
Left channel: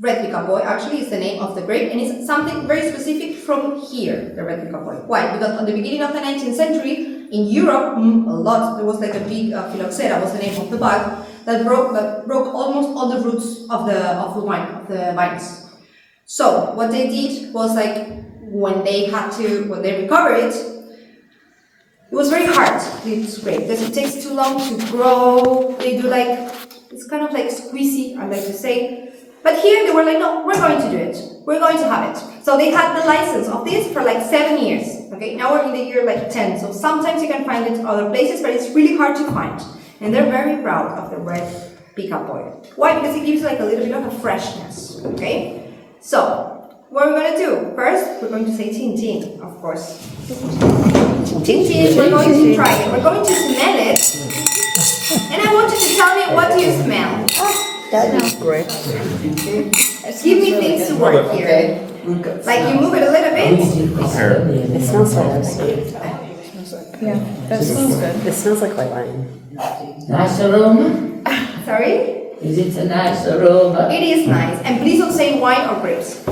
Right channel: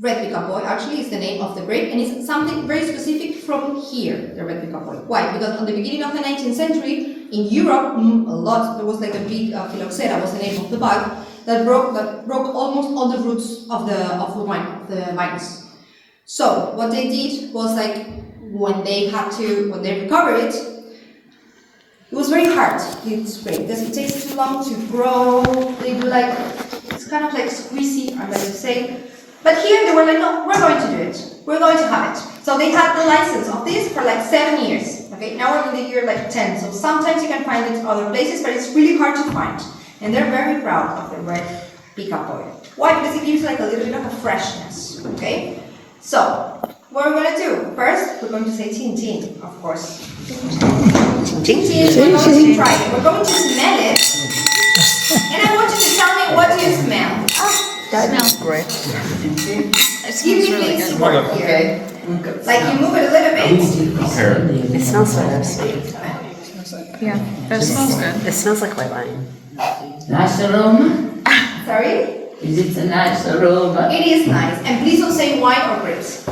Red Picapoy actually is the name of the grape, and it's something very specific from here, the red Picapoy. Why? Because at the beginning of the 19th century, in Europe, there was like a big phylloxera was the name of the bug that broke almost all the roots of the vines. So what they did was like when they recovered it, it was very hard, this grape, because it takes too long to grow. They do like, it's kind of like squeezy, I'm going to say. But here they were like, no, we're going to do it. We're going to have it. So they had the license of this for like 7 years. Okay, now we're in the year like 10. So sometimes you can find it other places, but it's really hard to find. And they're very proud of the red Picapoy. Why? Because it gives like a little bit of a freshness. Okay? So, what we're going to do? First, we're going to say tin tin, of course. Tin tin, we're going to try it. We're going to smell it. And I want you to tell me, what do you smell? That smells great. Give me things to work here. Like you move it a little bit. It smells so sweet. Yeah, that smells good. It smells like white wine. Nice aroma. Sorry? Is it a nice aroma? It is nice. And please don't say wine or grapes.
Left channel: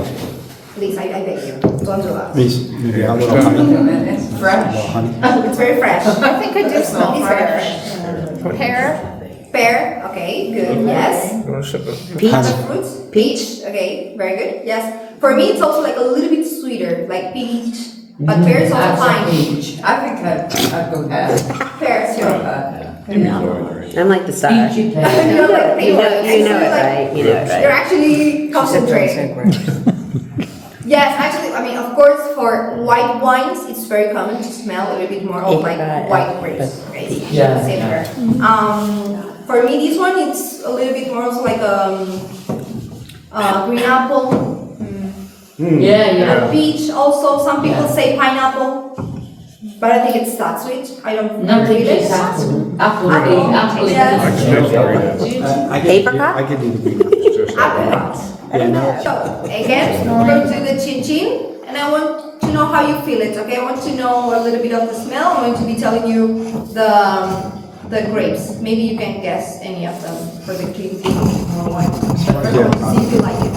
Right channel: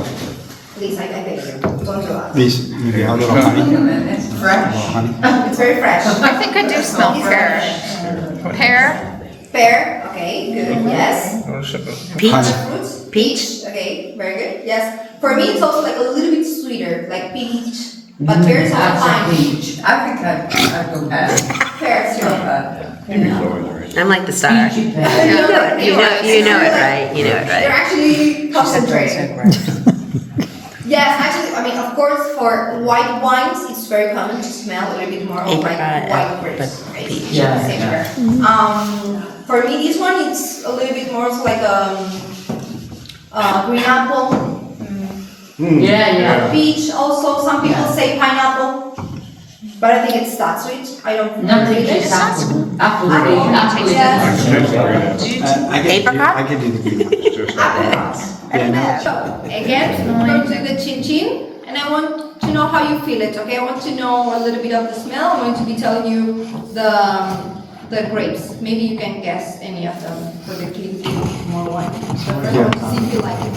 Please, I beg you. Don't do that. Please, maybe a little honey. It's fresh. Honey. It's very fresh. I think I do smell fresh. Pear. Pear, okay, good, yes. Peach. Fruits, peach, okay, very good, yes. For me, it's also like a little bit sweeter, like peach, but pear is also fine. Peach. I think I go ahead. Pear, sure. I'm like the star. Peachy pear. You know it, right? You know it, They're right? actually concentrated. Yes, actually, I mean, of course, for white wines, it's very common to smell a little bit more of like white grapes. Right? Yeah. For me, this one, it's a little bit more also like green apple. Yeah. Peach also, some people say pineapple. But I think it's that sweet. I don't Nothing really is apple. Apple. I can do the green apple. So, again, we're going to do the chin chin, and I want to know how you feel it, okay? I want to know a little bit of the smell. I'm going to be telling you the grapes. Maybe you can guess any of them for the clean more wine. But first, I want to see if you like it.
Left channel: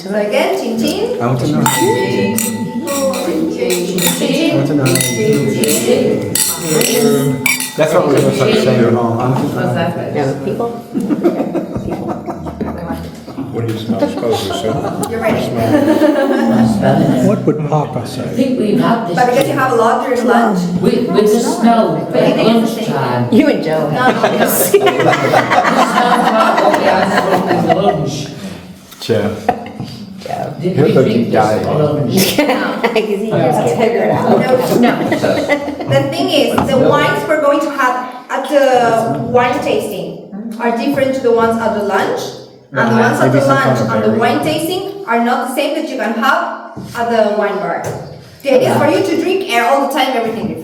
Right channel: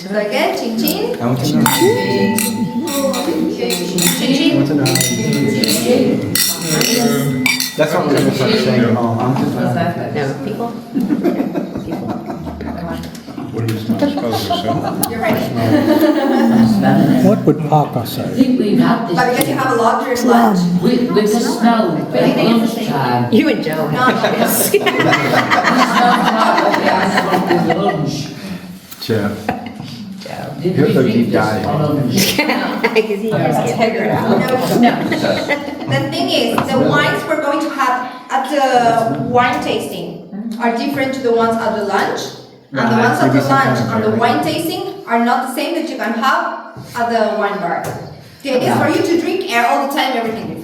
So again, chin chin. I want to know. Chin chin. That's what we're going to start saying at home. I'm just No, people. What do you smell? would Papa say? I think we've had this. But because you have a lot during lunch. With the snow at lunchtime. You and Joe. Lunch. Jeff. Did Here's we the drink deep this dive. for lunch? Because he just figure it out. No. The thing is, the wines we're going to have at the wine tasting are different to the ones at the lunch. And the ones at the lunch and the wine tasting are not the same that you can have at the wine bar. The idea is for you to drink all the time everything